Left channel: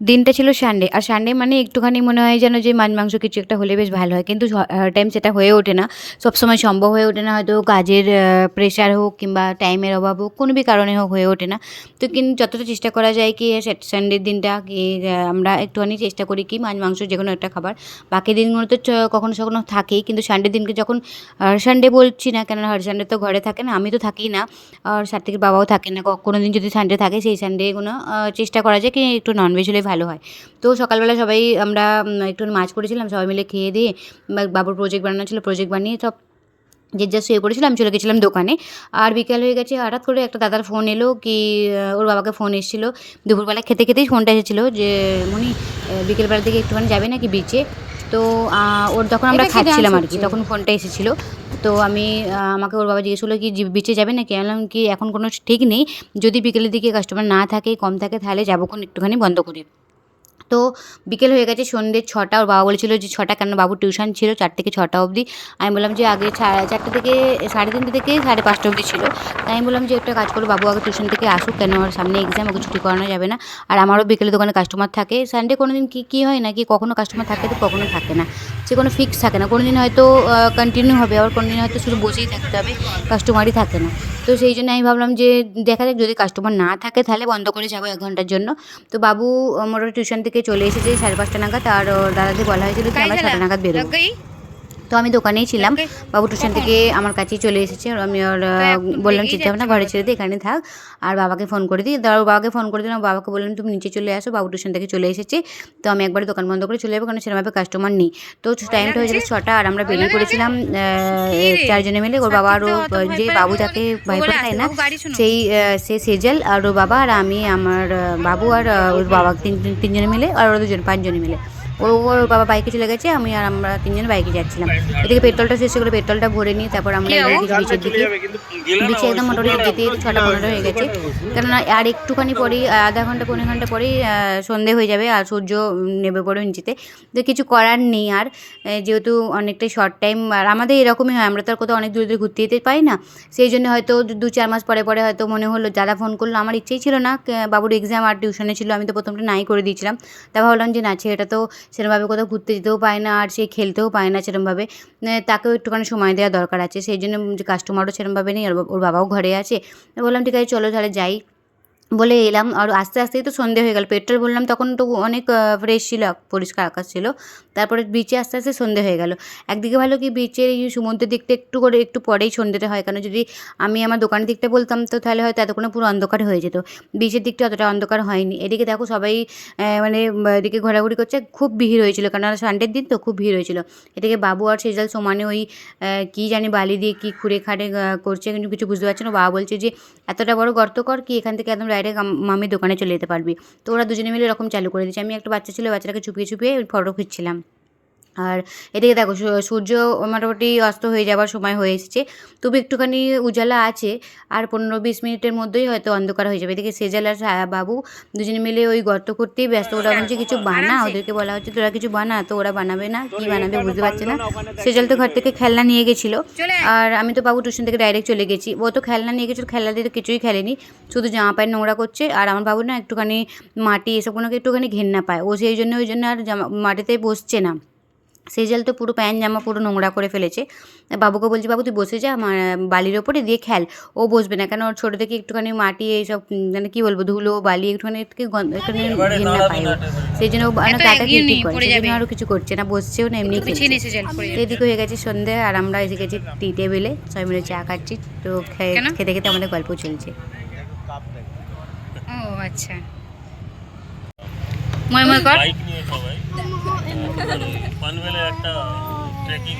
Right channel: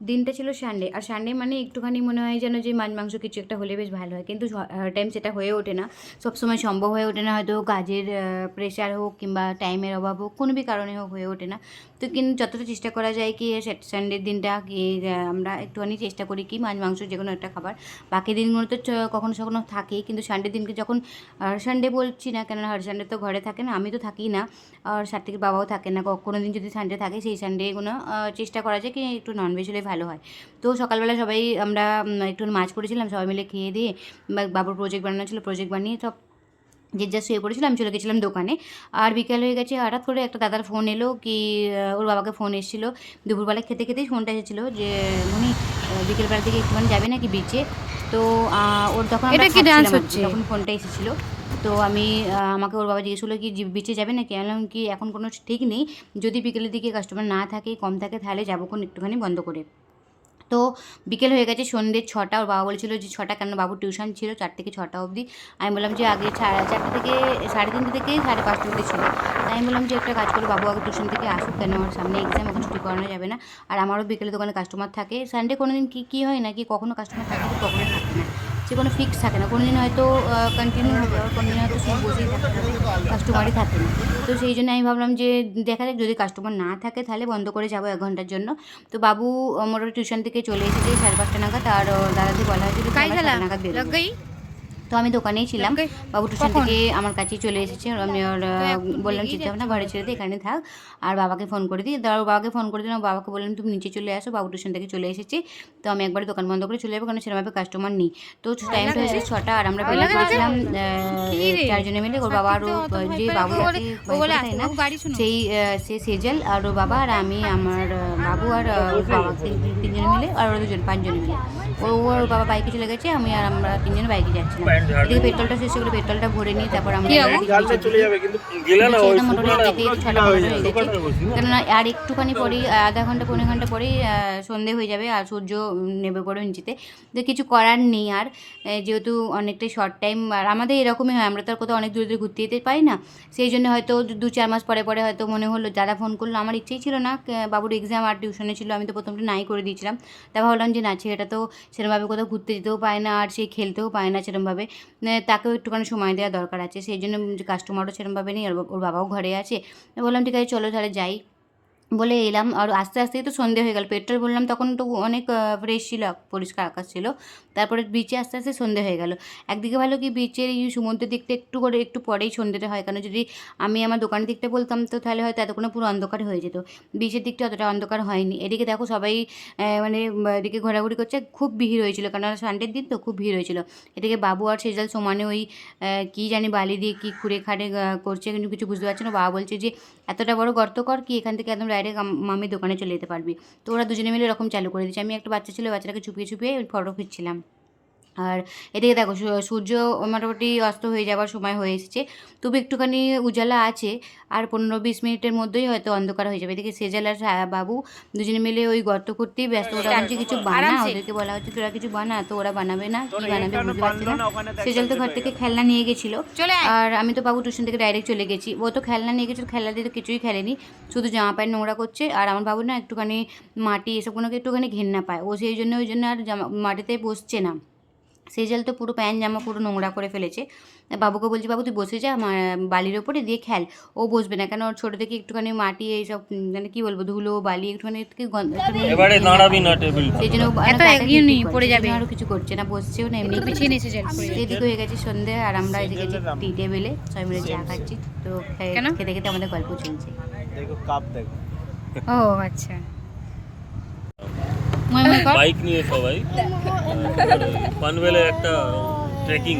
দিনটা ছিল সানডে আর সানডে মানে একটুখানি মনে হয় যেন যে মাছ মাংস কিছু একটা হলে বেশ ভালো হয়। কিন্তু টাইম সেটা হয়ে ওঠে না। সবসময় সম্ভব হয়ে ওঠে না। হয়তো কাজের প্রেশার হোক কিংবা টাইমের অভাব হোক, কোনো বি কারণে হোক হয়ে ওঠে না। তো কিন্তু যতটা চেষ্টা করা যায় কি সানডের দিনটা কি আমরা একটুখানি চেষ্টা করি কি, মাছ মাংস যে কোনো একটা খাবার। বাকি দিনগুলো তো কখনো কখনো থাকেই। কিন্তু সানডে দিনকে যখন সানডে বলছি না কেন হার সানডে তো ঘরে থাকে না, আমি তো থাকি না। আর সাথে বাবাও থাকে না। কোনো দিন যদি সানডে থাকে, সেই সানডে কোনো চেষ্টা করা যায় কি, একটু ননভেজ হলে ভালো হয়। তো সকালবেলা সবাই আমরা একটু মাছ করেছিলাম, সবাই মিলে খেয়ে দিয়ে বাবুর প্রজেক্ট বানানো ছিল প্রজেক্ট বানিয়ে সব যে যা শুয়ে পড়েছিলাম আমি চলে গেছিলাম দোকানে। আর বিকাল হয়ে গেছে, হঠাৎ করে একটা দাদার ফোন এলো কি ওর বাবাকে ফোন এসেছিল। দুপুরবেলা খেতে খেতেই ফোনটা এসেছিল যে, মনি বিকেলবেলার বিকেলবেলা দিকে একটুখানি যাবে না কি বিচে তো ওর যখন আমরা খাচ্ছিলাম আর কি তখন ফোনটা এসেছিল। তো আমি আমাকে ওর বাবা জিজ্ঞেস করল কি বিচে যাবে না কেন কি এখন কোনো ঠিক নেই। যদি বিকেলের দিকে কাস্টমার না থাকে কম থাকে তাহলে যাব কোন একটুখানি বন্ধ করে। তো বিকেল হয়ে গেছে সন্ধ্যে ছটা, ওর বাবা বলেছিল যে ছটা কেন বাবুর টিউশন ছিল চার থেকে ছটা অবধি। আমি বললাম যে আগে চারটে থেকে, সাড়ে তিনটে থেকে সাড়ে পাঁচটা অবধি ছিল। তাই আমি বললাম যে একটা কাজ করো, বাবু আগে টিউশন থেকে আসুক কেন আমার সামনে এক্সাম ওকে ছুটি করানো যাবে না। আর আমারও বিকেলে দোকানে কাস্টমার থাকে। সানডে কোনো দিন কী কী হয় না কি, কখনো কাস্টমার থাকে তো কখনো থাকে না। সে কোনো ফিক্স থাকে না। কোনো দিন হয়তো কন্টিনিউ হবে, আবার কোনো দিন হয়তো শুধু বসেই থাকতে হবে কাস্টমারই থাকে না। তো সেই জন্য আমি ভাবলাম যে দেখা যাক, যদি কাস্টমার না থাকে তাহলে বন্ধ করে যাব এক ঘণ্টার জন্য। তো বাবু মোটামুটি টিউশন থেকে চলে এসেছে সাড়ে পাঁচটা নাগাদ আর দাদাকে বলা হয়েছিল নাগাদ বেরোবো। তো আমি দোকানেই ছিলাম। বাবু টিউশন থেকে আমার কাছেই চলে এসেছে। আর আমি ওর বললাম চিন্তা ভাবনা ঘরে ছেড়ে দিই এখানে থাক। আর বাবাকে ফোন করে দিই। ধর বাবাকে ফোন করে দিলাম। বাবাকে বললাম তুমি নিচে চলে আসো বাবু টিউশন থেকে চলে এসেছে। তো আমি একবার দোকান বন্ধ করে চলে যাব কারণ সেরকমভাবে কাস্টমার নেই। তো টাইম হয়ে ছটা আর আমরা বেরিয়ে পড়েছিলাম চারজনে মিলে। ওর বাবা আরও যে বাবু যাকে ভয় না? সেই সে সেজাল আর ওর বাবা আর আমি আমার বাবু আর ওর বাবা তিন তিনজনে মিলে আর ওরা দুজন পাঁচজনে মিলে। ও ওর বাবা বাইকে চলে গেছে আমি আর আমরা তিনজন বাইকে যাচ্ছিলাম। এদিকে পেট্রোলটা শেষ করে পেট্রোলটা ভরে নিই তারপর আমরা? নিচের দিকে একদম মোটামুটি যেতে যেতে ছটা পনেরো হয়ে গেছে। কেননা আর একটুখানি পরেই আধা ঘণ্টা পনেরো ঘণ্টা পরেই সন্ধে হয়ে যাবে আর সূর্য নেমে পড়বে নিচেতে। তো কিছু করার নেই আর যেহেতু অনেকটাই শর্ট টাইম আর আমাদের এরকমই হয় আমরা তো আর কোথাও অনেক দূরে দূরে ঘুরতে যেতে পাই না। সেই জন্য হয়তো দু- দু চার মাস পরে পরে হয়তো মনে হলো দাদা ফোন করল আমার ইচ্ছেই ছিল না বাবুর এক্সাম আর টিউশনে ছিল আমি তো প্রথমটা নাই করে দিয়েছিলাম। তা ভাবলাম যে না ছেলেটা তো সেরকমভাবে কোথাও ঘুরতে যেতেও পায় না আর সে খেলতেও পায় না সেরকমভাবে তাকেও একটুখানি সময় দেওয়া দরকার আছে। সেই জন্য কাস্টমারও সেরকমভাবে নেই। ওর বাবাও ঘরে আছে। বললাম, ঠিক আছে, চলো তাহলে যাই। বলে এলাম। আর আস্তে আস্তেই তো সন্ধে হয়ে গেল। পেট্রোল বললাম, তখন তো অনেক ফ্রেশ ছিল, পরিষ্কার আকাশ ছিল। তারপরে বিচে আস্তে আস্তে সন্ধে হয়ে গেল। একদিকে ভালো কি বিচের এই সমুদ্রের দিকটা একটু করে, একটু পরেই সন্ধেটা হয়। কারণ যদি আমি আমার দোকানের দিকটা বলতাম, তো তাহলে হয়তো এতক্ষণে পুরো অন্ধকার হয়ে যেত। বিচের দিকটা অতটা অন্ধকার হয়নি। এদিকে দেখো সবাই মানে এদিকে ঘোরাঘুরি করছে। খুব ভিড় হয়েছিল। কারণ সানডের দিন তো খুব ভিড় হয়েছিল। এদিকে বাবু আর সেজাল সমানে ওই কী জানি বালি দিয়ে কী খুঁড়ে খাড়ে করছে। কিন্তু কিছু বুঝতে পারছে না। বাবা বলছে যে, এতটা বড় গর্ত কর কি এখান থেকে একদম ডাইরেক্ট মামি দোকানে চলে যেতে পারবি। তো ওরা দুজনে মিলে এরকম চালু করে দিয়েছে। আমি একটা বাচ্চা ছিল, বাচ্চাটাকে চুপিয়ে চুপিয়ে ফটো খিচ্ছিলাম আর এদিকে দেখো সূর্য মোটামুটি অস্ত হয়ে যাওয়ার সময় হয়ে এসেছে। তবু একটুখানি উজালা আছে আর পনেরো বিশ মিনিটের মধ্যেই হয়তো অন্ধকার হয়ে যাবে। এদিকে সেজাল আর বাবু দুজনে মিলে ওই গর্ত করতেই ব্যস্ত। ওরা বলছে কিছু বানা ওদেরকে বলা হচ্ছে তোরা কিছু বানা তো ওরা বানাবে না কি বানাবে বুঝতে পারছে না। সেজাল তো ঘর থেকে খেলনা নিয়ে গেছিল। আর আমি তো বাবু টিউশন থেকে ডাইরেক্ট চলে গেছি। ও তো খেলনা নিয়ে গেছিল খেলনা দিয়ে তো কিছুই খেলেনি। শুধু জামা প্যান্ট নোংরা করছে। আর আমার বাবু না একটুখানি মাটি এসব কোনোকে একটুখানি ঘেন্না পায়। ও সেই জন্য ওই জন্য আর জামা মাটিতে বসছে না। সেই জল তো পুরো প্যান্ট জামা পুরো নোংরা করে ফেলেছে। বাবুকে বলছি বাবু তুই বসে যা আমার বালির ওপরে দিয়ে খেল। ও বসবে না কেন ওর ছোটো থেকে একটুখানি মাটি এইসব মানে কী বলব ধুলো বালি একটুখানি সেই জন্য। আরও কিছু করছে না বসছেও না এমনি। এদিকে হয়ে গেছে সন্ধে আর আমরা এসে গেছি টি টেবিলে সবাই মিলে চা খাচ্ছি। তো খেয়ে-? খেতে খেতে আমাদের গল্প চলছে। ও আচ্ছা। ময় ময় কর। বাইক নিয়ে সবাই। পানবেলে একটা ট্রেকিং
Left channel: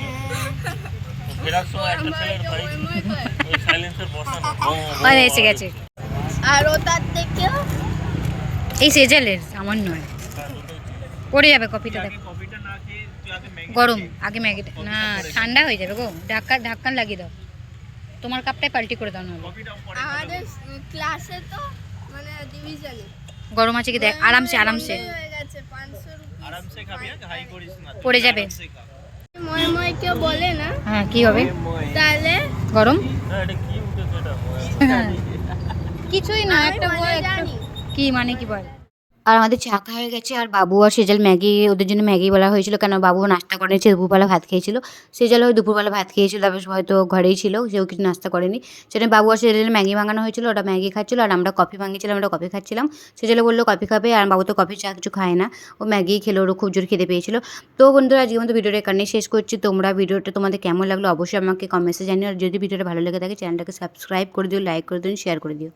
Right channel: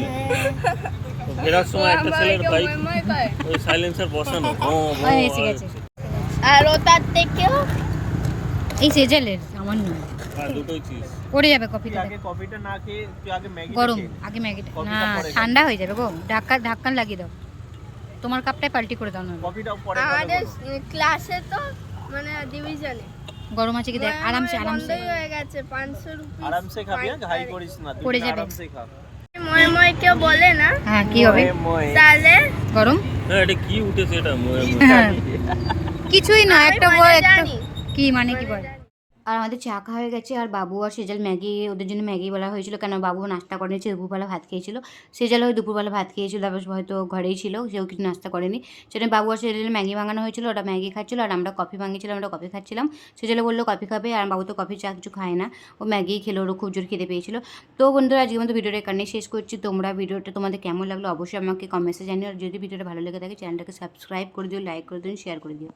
ফেরার সময় একটা ছেলের বাইক ওই সাইলেন্সার বসানো আরে এসে গেছে। আর ও তার থেকে এই সেজেলের আমার নয়। হ্যাঁ, পড়ে যাবে কপিটা দেখো। কফিটা না খেয়ে তুই আগে ম্যাগি গরম আগে ম্যাগিটা না ঠান্ডা হয়ে যাবে গো। ধাক্কা ধাক্কান লাগিয়ে দাও। তোমার কাপটাই পাল্টি করে দাও না আমাদের ক্লাসে তো মানে ডিভিশনে গরম আছে কি দেখ আরামসে আরামসে। হয়ে আরামসে খাবি ঘাই করিস না পড়ে যাবে। ময় ময় কেউ বলে না? হ্যাঁ কি হবে? তাহলে? গরম? হ্যাঁ এটা কি উঠেছে এটা? ময়ে ময়ে। হ্যাঁ। কিছুই না একটা মানে একটা। কি মানে কি বল? আর আমাদের চা খাওয়া হয়ে গেছে, আর বাবু আর সেজাল ম্যাগি, ওদের জন্য ম্যাগি বলা হয়েছিল। কেন বাবু নাস্তা করেনি, সে দুপুরবেলা ভাত খেয়েছিল। সেজালও দুপুরবেলা ভাত খেয়েছিল, তারপর হয়তো ঘরেই ছিল, সেও কিছু নাস্তা করেনি। সেটা বাবু আর সেজালের ম্যাগি বানানো হয়েছিল ওটা ম্যাগি খাচ্ছিল, আর আমরা কফি ভাঙিয়েছিলাম, আমরা কফি খাচ্ছিলাম। সেজালে বলল, কফি খাবে? আর বাবু তো কফি চা কিছু খায় না। ও ম্যাগি খেলো ওরও খুব জোর খেতে পেয়েছিল। তো বন্ধুরা, আজকের মতো ভিডিওটা এখানে শেষ করছি। তোমরা ভিডিওটা তোমাদের কেমন লাগল অবশ্যই আমাকে কমেন্টসে জানিও। আর যদি ভিডিওটা ভালো লেগে থাকে, চ্যানেলটাকে সাবস্ক্রাইব করে দিও লাইক করে দিও শেয়ার করে দিও।